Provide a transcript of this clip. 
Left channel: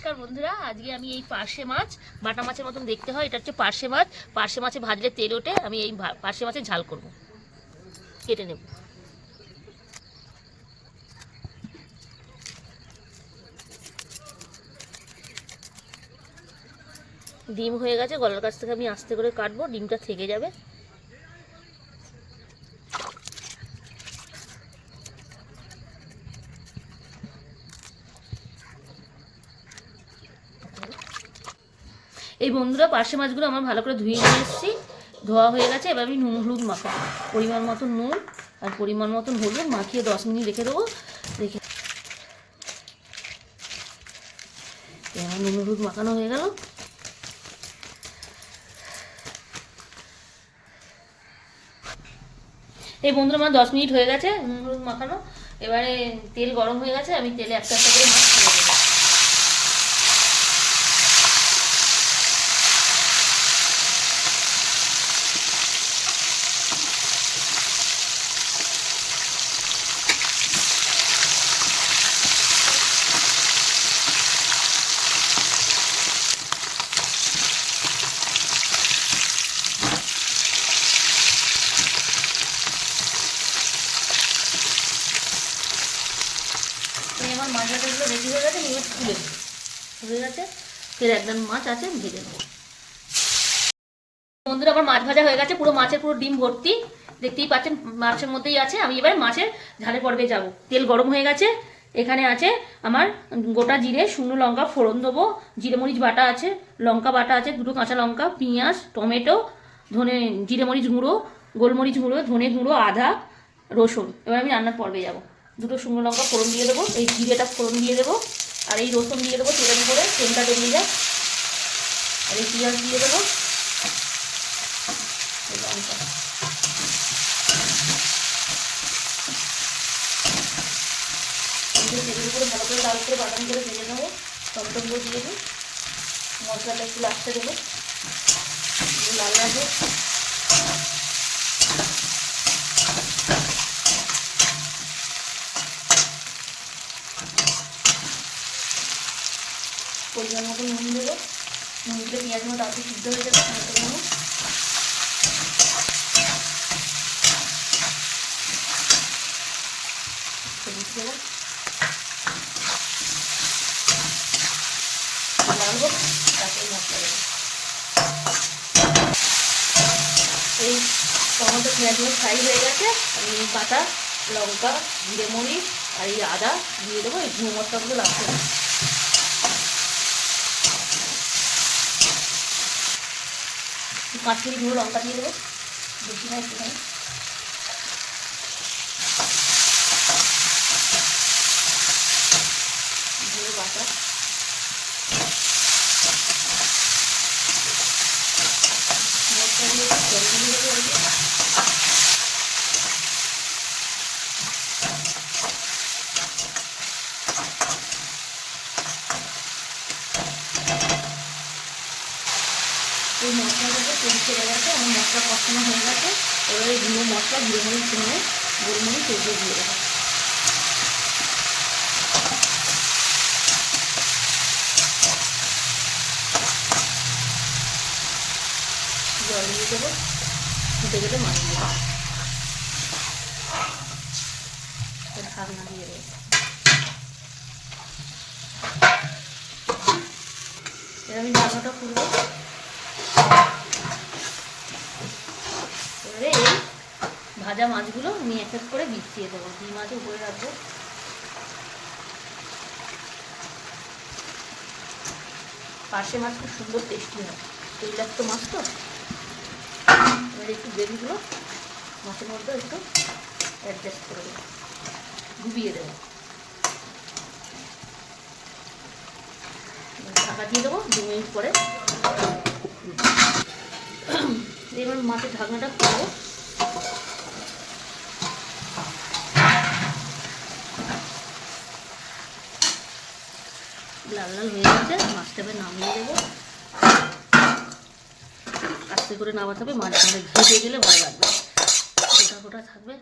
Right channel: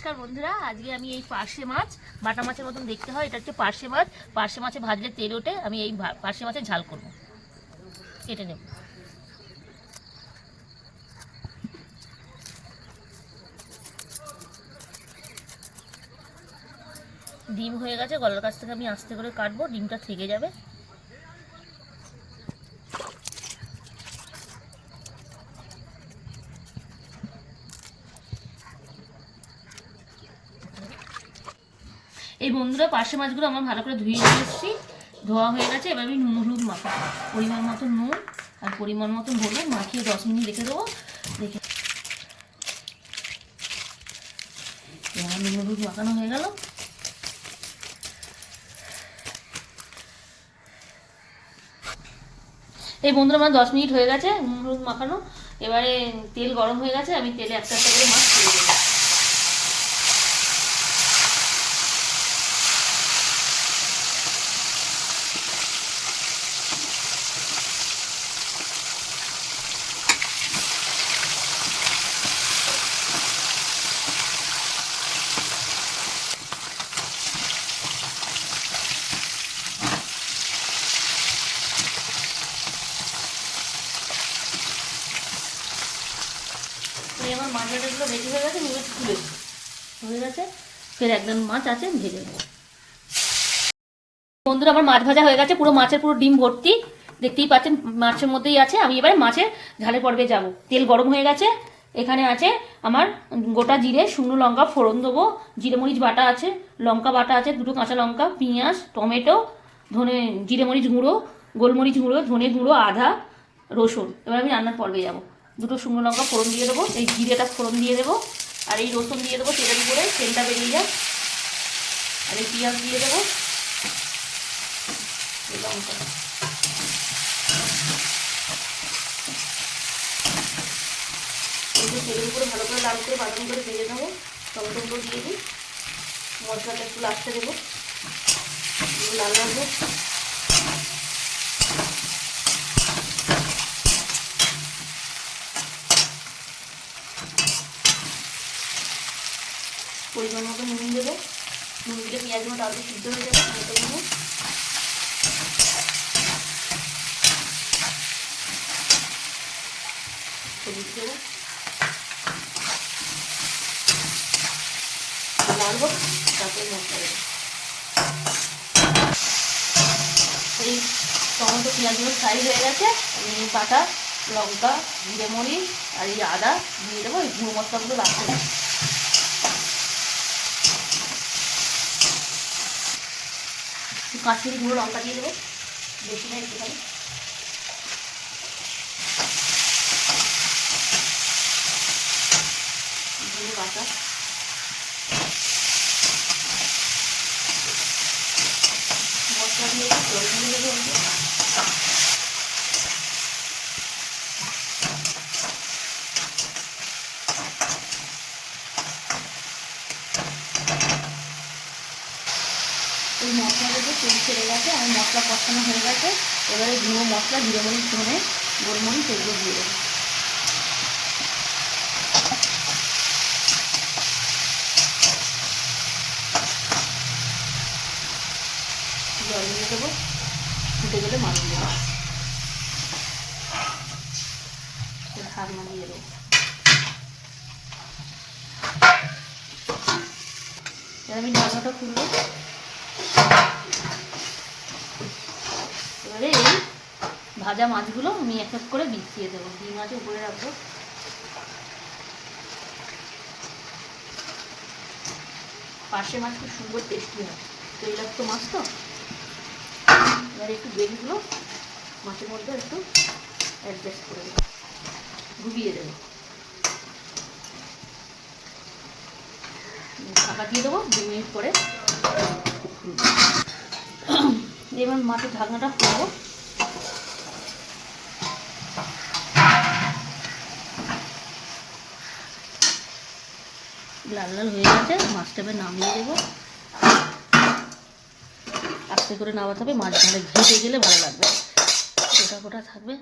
নমস্কার বন্ধুরা, আজকে আমি এই পার্শে মাছ, বাটা মাছের মতন দেখতে হয়, এটা হচ্ছে পার্শে মাছ। পার্শে মাছে ভাজলে তেল ওঠে, আমি এই পার্শে মাছের ঝাল করব। কেটে নেব। ডিম হয়ে গেছে, গলার কাছ থেকে আমি আস্তে করে কাটবো, ডিমটা থেকে যাবে। এই বন্ধুরা পার্শে মাছগুলো আমার ভালো করে ধুয়ে নিয়ে এসেছি। ধোয়া হয়ে গেছে, এবার আমি নুন, হলুদ মাখা পরিমাণ মতো নুন আর পরিমাণ মতন হলুদ মাখিয়ে দশ মিনিট রেখে দেবো। রেখে নুন, হলুদ মাখানো হয়ে গেল। এই বন্ধুরা, আমার দশ মিনিট হয়ে গেছে নুন, হলুদ মাখানো। এবারে তেল গরম হয়ে গেছে, আমি তেলে একটা একটা করে মাছ ছেড়ে দেবো এই আমার মাছ ভাজাগুলো রেডি হয়ে গেছে এবার তুলে নেব। হয়ে গেছে, ফের একদম মাছ আছে ভেজে নেব। বন্ধুরা, আমার মাছ ভাজা হয়ে গেছে, পুরো মাছের পুরো ডিম ভর্তি। দেখতেই পাচ্ছেন, মাছের মধ্যেই আছে। আমি এবারে মাছের ঝালে পর্বে যাব। তেল গরম হয়ে গেছে, এখানে আছে আমার গোটা জিরে, শুকনো লঙ্কা, ফোড়ন দেবো, জিরে মরিচ বাটা আছে, লঙ্কা বাটা আছে, দুটো কাঁচা লঙ্কা, পেঁয়াজ, টমেটো, ধনে, জিরে মরিচ গুঁড়ো, গোলমরিচ গুঁড়ো, ধনে গুঁড়ো, আদা, রসুন। এবার আমি রান্নার পর্বে যাব। দুটো শুকনো লঙ্কা ফোড়ন দিয়ে দেবো, এই জিরেটা ফোড়ন দিয়ে দেবো, আর এই রসুন দিয়ে দেবো তেলের উপরে, তেলটা বেরিয়ে যাক, আর এই পেঁয়াজ দিয়ে দেবো লঙ্কা। তেলের উপরে ভালো করে লাল করে বাদাম করে ভেজে নেব টমেটো দিয়ে দিই, মশলাটা একটু লাস্টে দেবো লাল লাগবে। পরিমাণ মতো নুন দেবো। নুন দিলে পেঁয়াজ মতো আলু সিদ্ধ হয়ে যাবে টমেটো নেব হলুদ দেবো দেবো। এই টমেটো পেঁয়াজগুলো ফ্রাই হয়ে গেছে, আমি বাটা, লঙ্কা, জিরে মরিচ আর এই আদা দিয়ে দেবো, এই গুঁড়ো মশলাগুলো লাগবে না একটু কাশ্মীরি গুঁড়ো লঙ্কা দিয়ে দেবো। বেশি না একটুখানি। বাটা মশলা দিয়ে জল দিয়ে ওই যে। তেল ছেড়ে গেছে, আমার মশলা কষানো হয়ে গেছে। এবারে গুঁড়ো মশলা, জিরে মরিচ, ধনে, গোলমরিচ এগুলো দিয়ে দেবো। জল দিয়ে দেবো, ফুটে গেলে মাছ দেবো। ঢাকনা দিয়ে দেবো। আমি ঢাকনাটা খুলবো। এবারে এই ভাজা মাছগুলো আমি এক এক করে বিছিয়ে দেবো। ডিম আছে উপরে রাখব। পাশে মাছ খুব সুন্দর টেস্টি হয়। তৈলাক্ত মাছ তো? এবার একটু গ্রেভিগুলো মাছের মধ্যে একটু অ্যাডজাস্ট করে দেবো ডুবিয়ে দেবো। ঢাকা দিয়ে দেবো দু মিনিট পরে। এবার মাছের ঢাকনাটা খুলবো। লাল লাল হয়ে গেছে মাছটা এবার নামিয়ে দেবো। আস্তে করে নামাতে হবে, মাছ ধারে ঘেটে গেলে ভালো লাগবে। গোটা গোটা থাকবে।